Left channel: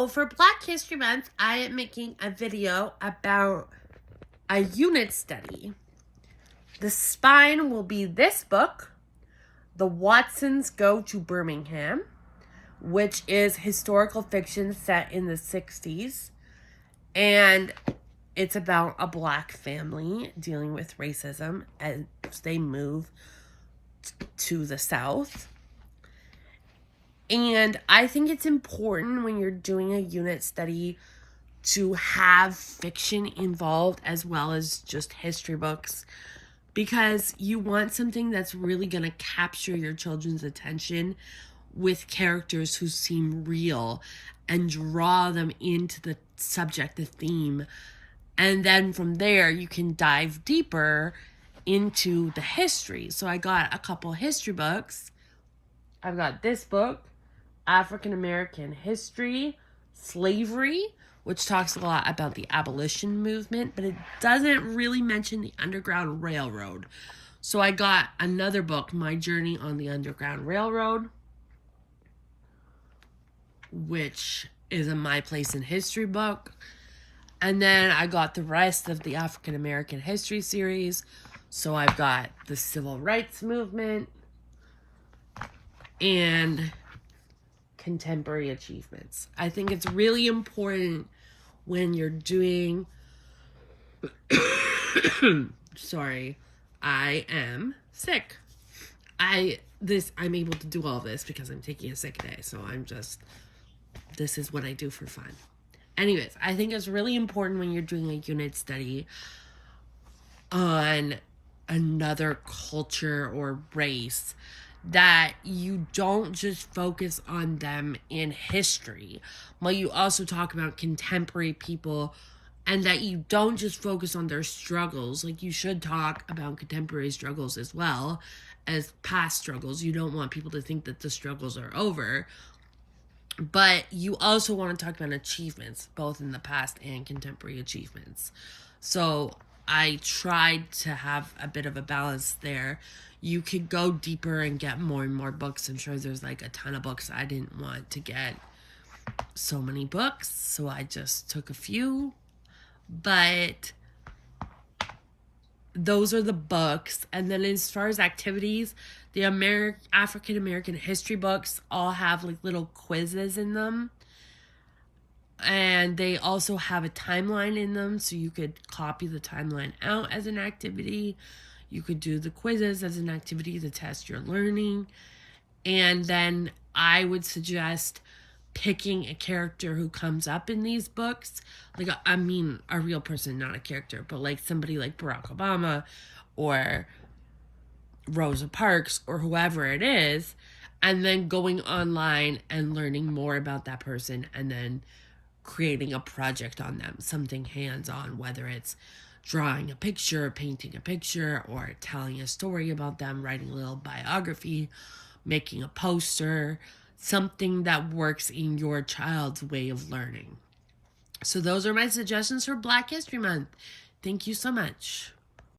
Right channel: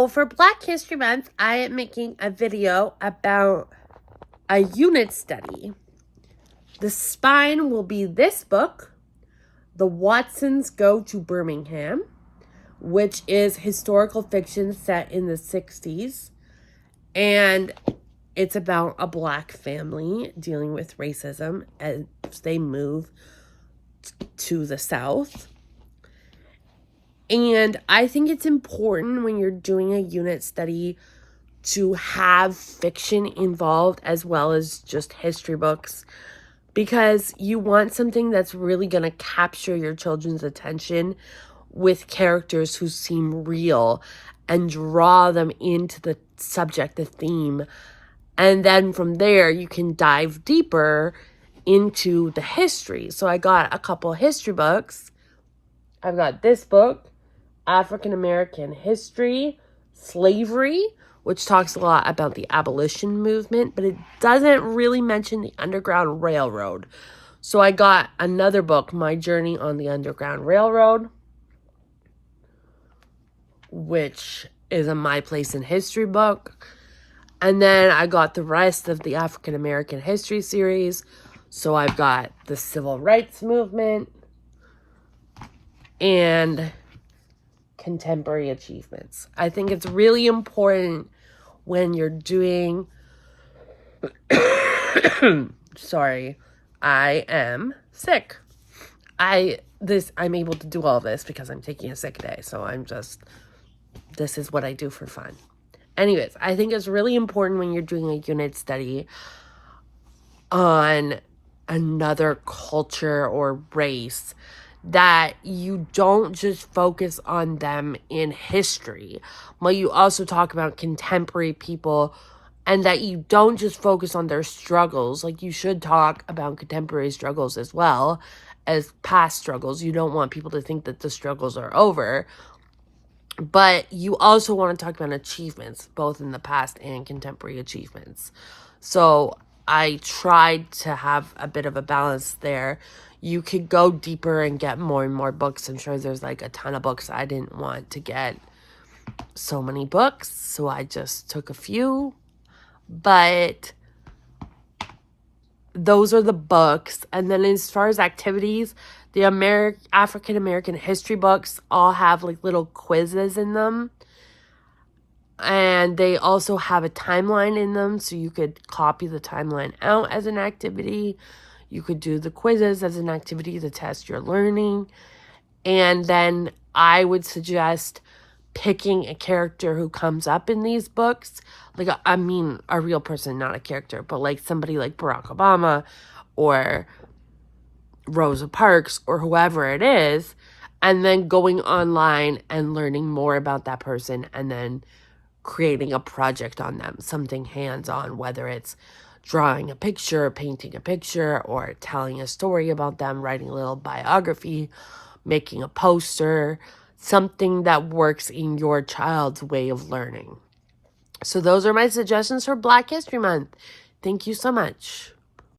So for Black History Month, I am making a video about a unit study. The spine will be this book, The Watsons Go to Birmingham, which is historical fiction set in the 60s. And it's about a Black family dealing with racism as they move to the South. And I think it's important when you're doing a unit study to have fiction involved as well as just history books, because you want something that's really going to capture your children's attention with characters who seem real and draw them into the subject, the theme. And then from there, you can dive deeper into the history. So I got a couple history books. I've got this book, African American History, Slavery, which talks a lot about the abolition movement, but it doesn't really mention the Underground Railroad. So I got another book, My Journey on the Underground Railroad, which is a My Place in History book. And then I got the rest of the African American History series. So I've got the Civil Rights Movement and Contemporary Achievements. I think it's really important when you're doing sorry, I am sick. I'm able to do all this because I'm taking a sick day. So this is what I do for fun. Anyways, I think it's really important when you're doing a unit study on another culture or race that you don't just focus on them in history, but you also talk about contemporary people, and that you don't just focus on their struggles. Like, you should talk about contemporary struggles as well as past struggles. You don't want people to think that the struggles are over, but you also want to talk about achievements, both in the past and contemporary achievements. So I tried to have a bit of a balance there. You could go deeper and get more and more books. I'm sure there's like a ton of books. I didn't want to get so many books, so I just took a few. But those are the books. And then as far as activities, the African American history books all have like little quizzes in them. And they also have a timeline in them, so you could copy the timeline out as an activity. You could do the quizzes as an activity to test your learning. And then I would suggest picking a character who comes up in these books. Like, I mean, a real person, not a character, but like somebody like Barack Obama or Rosa Parks or whoever it is. And then going online and learning more about that person, and then creating a project on them, something hands-on, whether it's drawing a picture, painting a picture, or telling a story about them, writing a little biography, making a poster, something that works in your child's way of learning. So those are my suggestions for Black History Month. Thank you so much.